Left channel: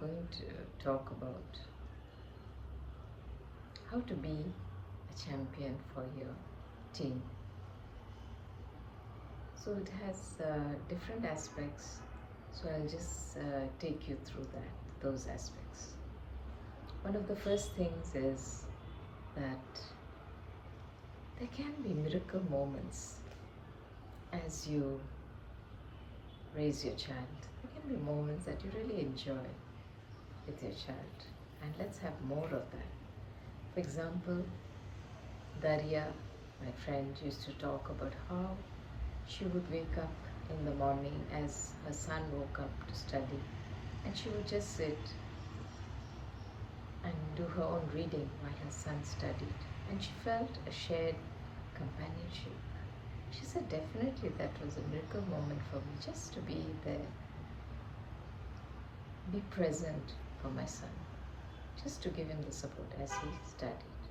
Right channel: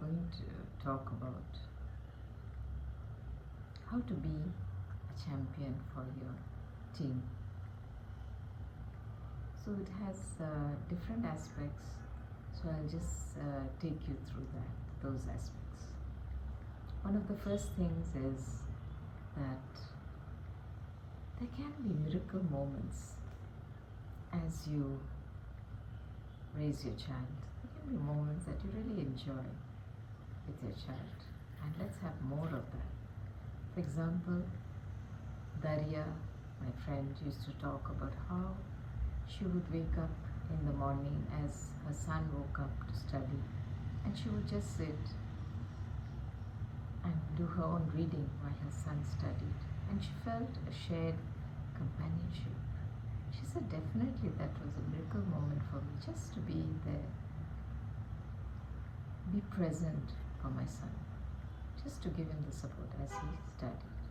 going to talk about how to be a champion for your team. So it has different aspects, so I'll just take you through those aspects. One of the first things is that there can be miracle moments as you raise your child. There can be moments that you really enjoy with your child, and let's have more of that. For example, Daria, my friend, used to talk about how she would wake up in the morning as her son woke up to study, and she would just sit and do her own reading while her son studied, and she felt a shared companionship. She said definitely that was a miracle moment for me, just to be there, be present for my son, just to give him the support as he studied.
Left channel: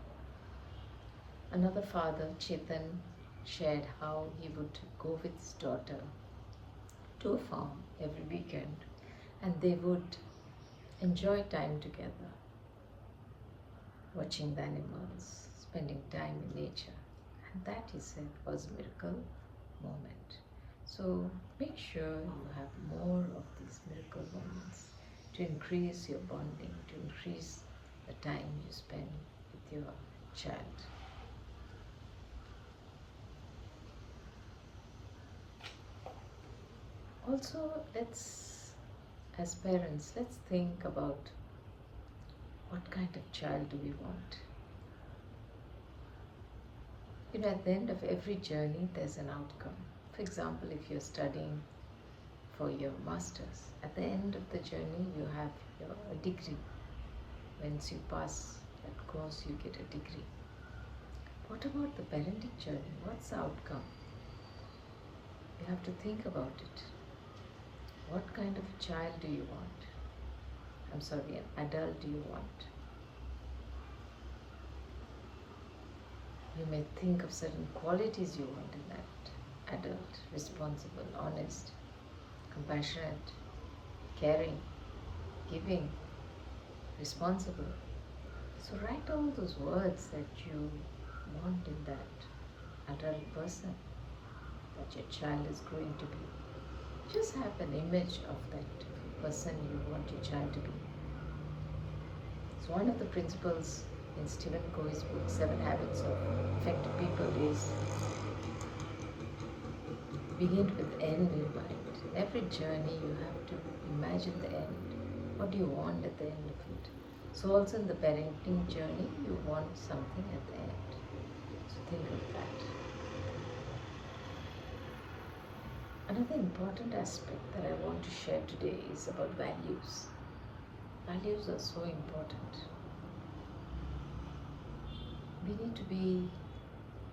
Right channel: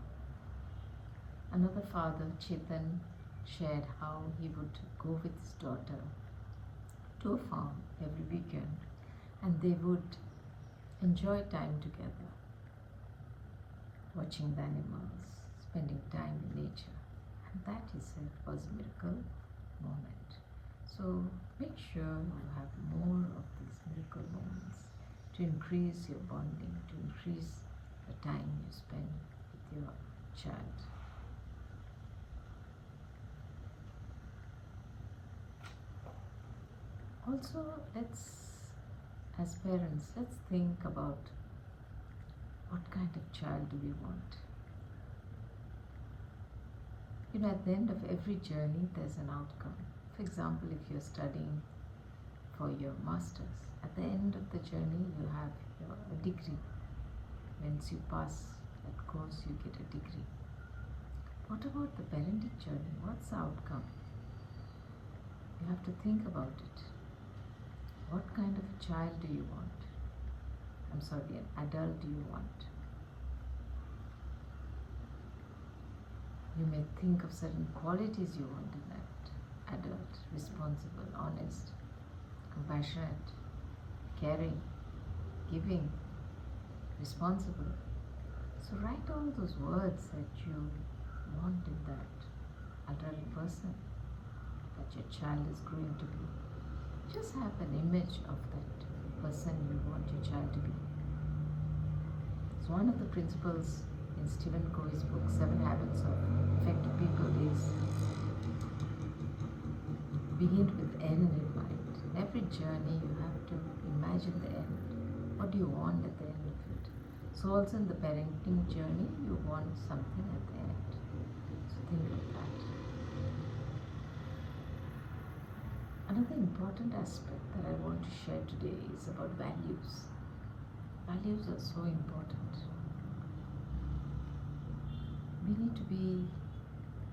Another father, Chetan, shared how he would go with his daughter to a farm every weekend, and they would enjoy time together, watching the animals, spending time in nature. And that, he said, was a miracle moment. So make sure you have more of these miracle moments to increase your bonding, to increase the time you spend with your child. Also, as parents, let's think about what kind of child do we want. At the end of every journey, there's an outcome. For example, if you're studying for your master's, at the end of the journey, you have a degree. Once you pass that course, you get a degree. What about the parenting journey? What's the outcome? You have to think about it. What kind of a child do you want? An adult do you want? You may think of certain qualities you want in that adult: responsible, honest, compassionate, caring, giving, responsible. So write all those words that you want in that adult person that your child is growing to be. Just have an image of that person you want your child to be. So one of the principles in Stephen Covey's book, 7 Habits of Effective People, is begin with end in mind. In every journey, you have to imagine the end. What do you want at the end of it? So also in the parenting journey, you want something at the end. So think of that. Another important aspect that I want to share today is about values. Values are so important. We need to be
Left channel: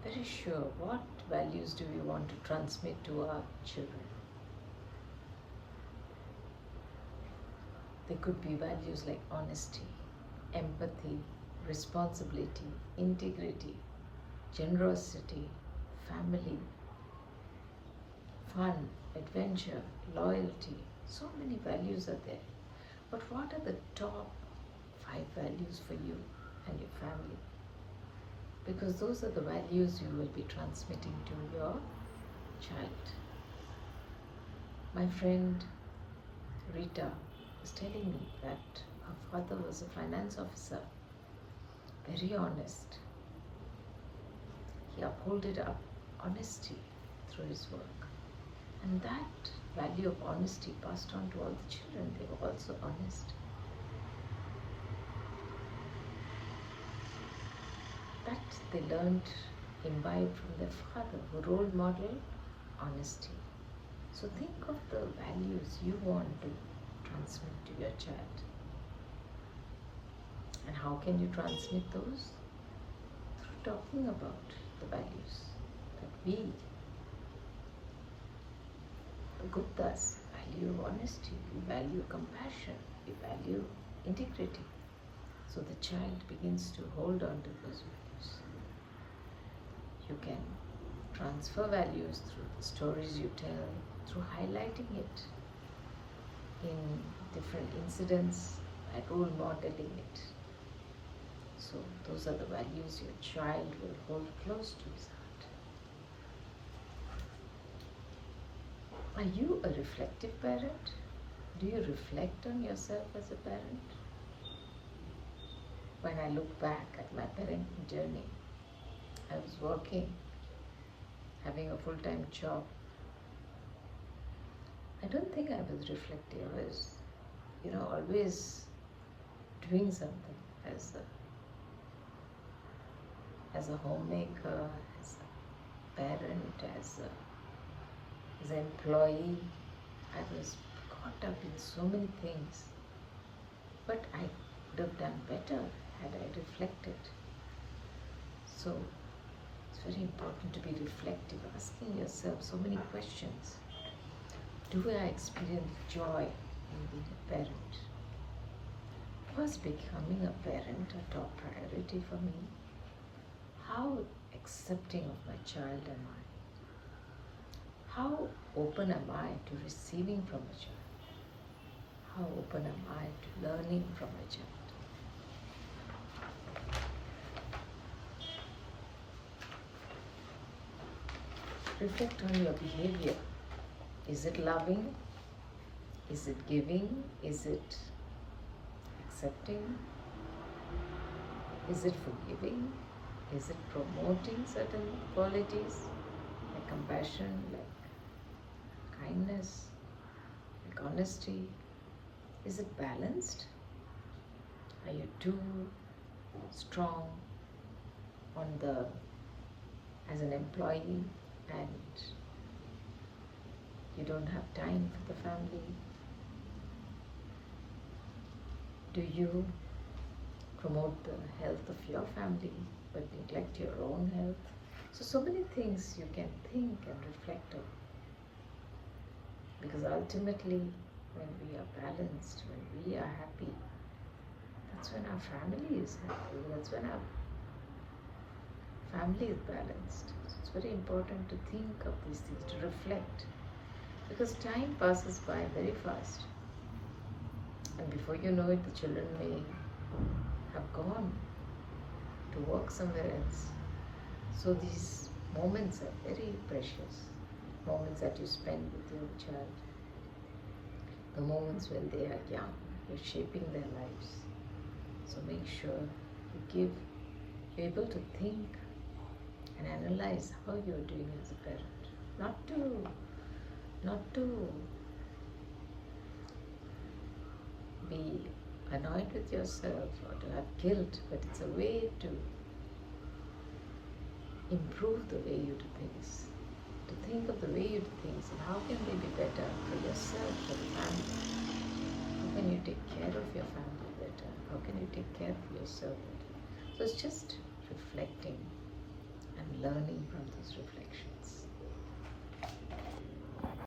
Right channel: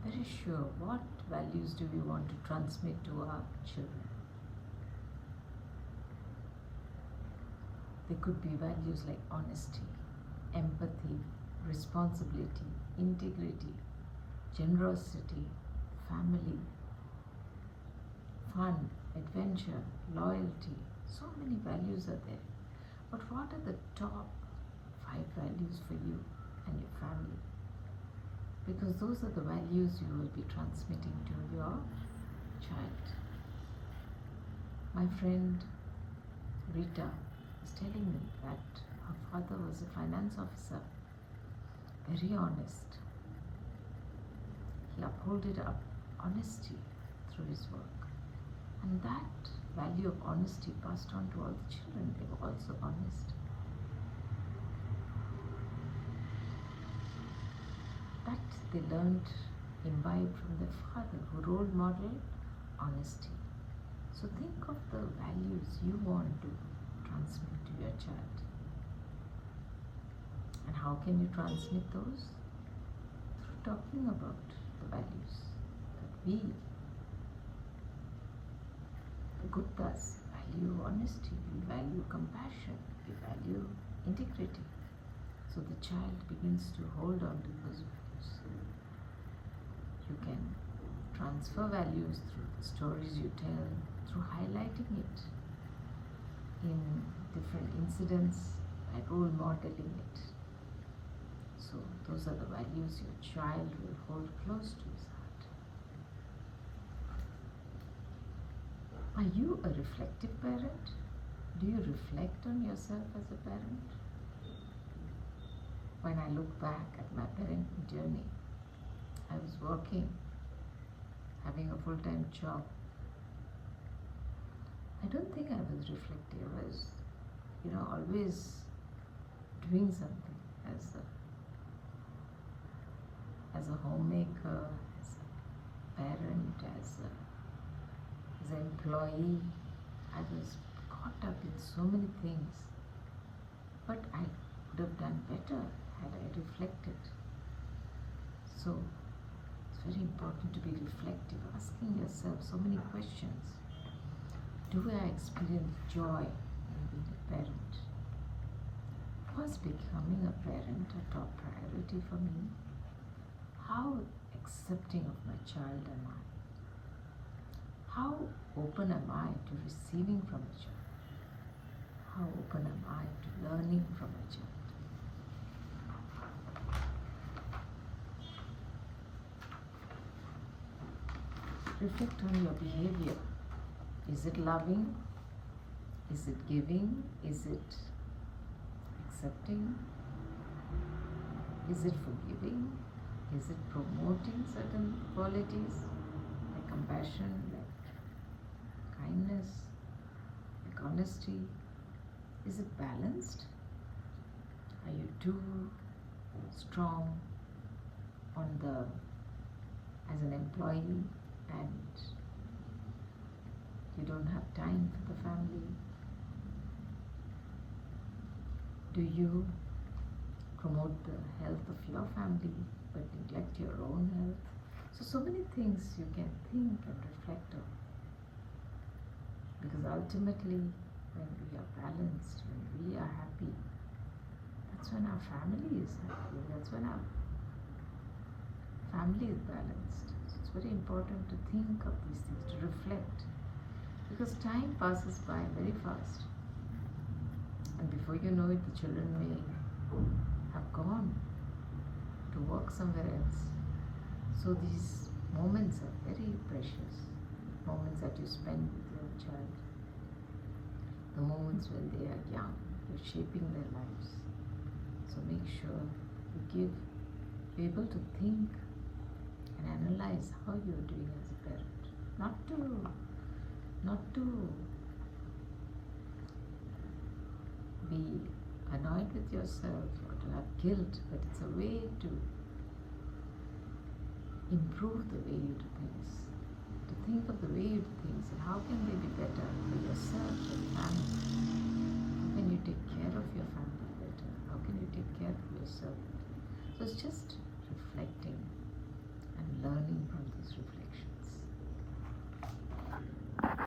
very sure what values do we want to transmit to our children. They could be values like honesty, empathy, responsibility, integrity, generosity, family, fun, adventure, loyalty. So many values are there. But what are the top 5 values for you and your family? Because those are the values you will be transmitting to your child. My friend Rita was telling me that her father was a finance officer, very honest. He upholded honesty through his work. And that value of honesty passed on to all the children. They were also honest. That they learned, imbibed from their father, who role modeled honesty. So think of the values you want to transmit to your child. And how can you transmit those? Through talking about the values that we, the Guptas, value honesty, we value compassion, we value integrity. So the child begins to hold on to those values. You can transfer values through the stories you tell, through highlighting it in different incidents by role modeling it. So those are the values your child will hold close to his heart. Are you a reflective parent? Do you reflect on yourself as a parent? When I look back at my parenting journey, I was working, having a full-time job. I don't think I was reflective. I was, always doing something as a homemaker, as a parent, as an employee. I was caught up in so many things, but I would have done better had I reflected. So it's very important to be reflective, asking yourself so many questions. Do I experience joy in being a parent? Was becoming a parent a top priority for me? How accepting of my child am I? How open am I to receiving from a child? How open am I to learning from a child? Reflect on your behavior. Is it loving? Is it giving? Is it accepting? Is it forgiving? Is it promoting certain qualities like compassion, like kindness, like honesty? Is it balanced? Are you too strong as an employee and you don't have time for the family? Do you promote the health of your family but neglect your own health? So many things you can think and reflect on. Because ultimately, when we are balanced, when we are happy, that's when our family is happy. That's when our family is balanced. So it's very important to think of these things, to reflect. Because time passes by very fast. And before you know it, the children may have gone to work somewhere else. So these moments are very precious. Moments that you spend with your child. The moments when they are young, you're shaping their lives. So make sure you're able to think and analyze how you're doing as a parent. Not to be annoyed with yourself or to have guilt, but it's a way to improve the way you do things, to think of the way you do things and how can they be better for yourself, for the family. How can you take care of your family better? How can you take care of yourself better? So it's just reflecting and learning from those reflections.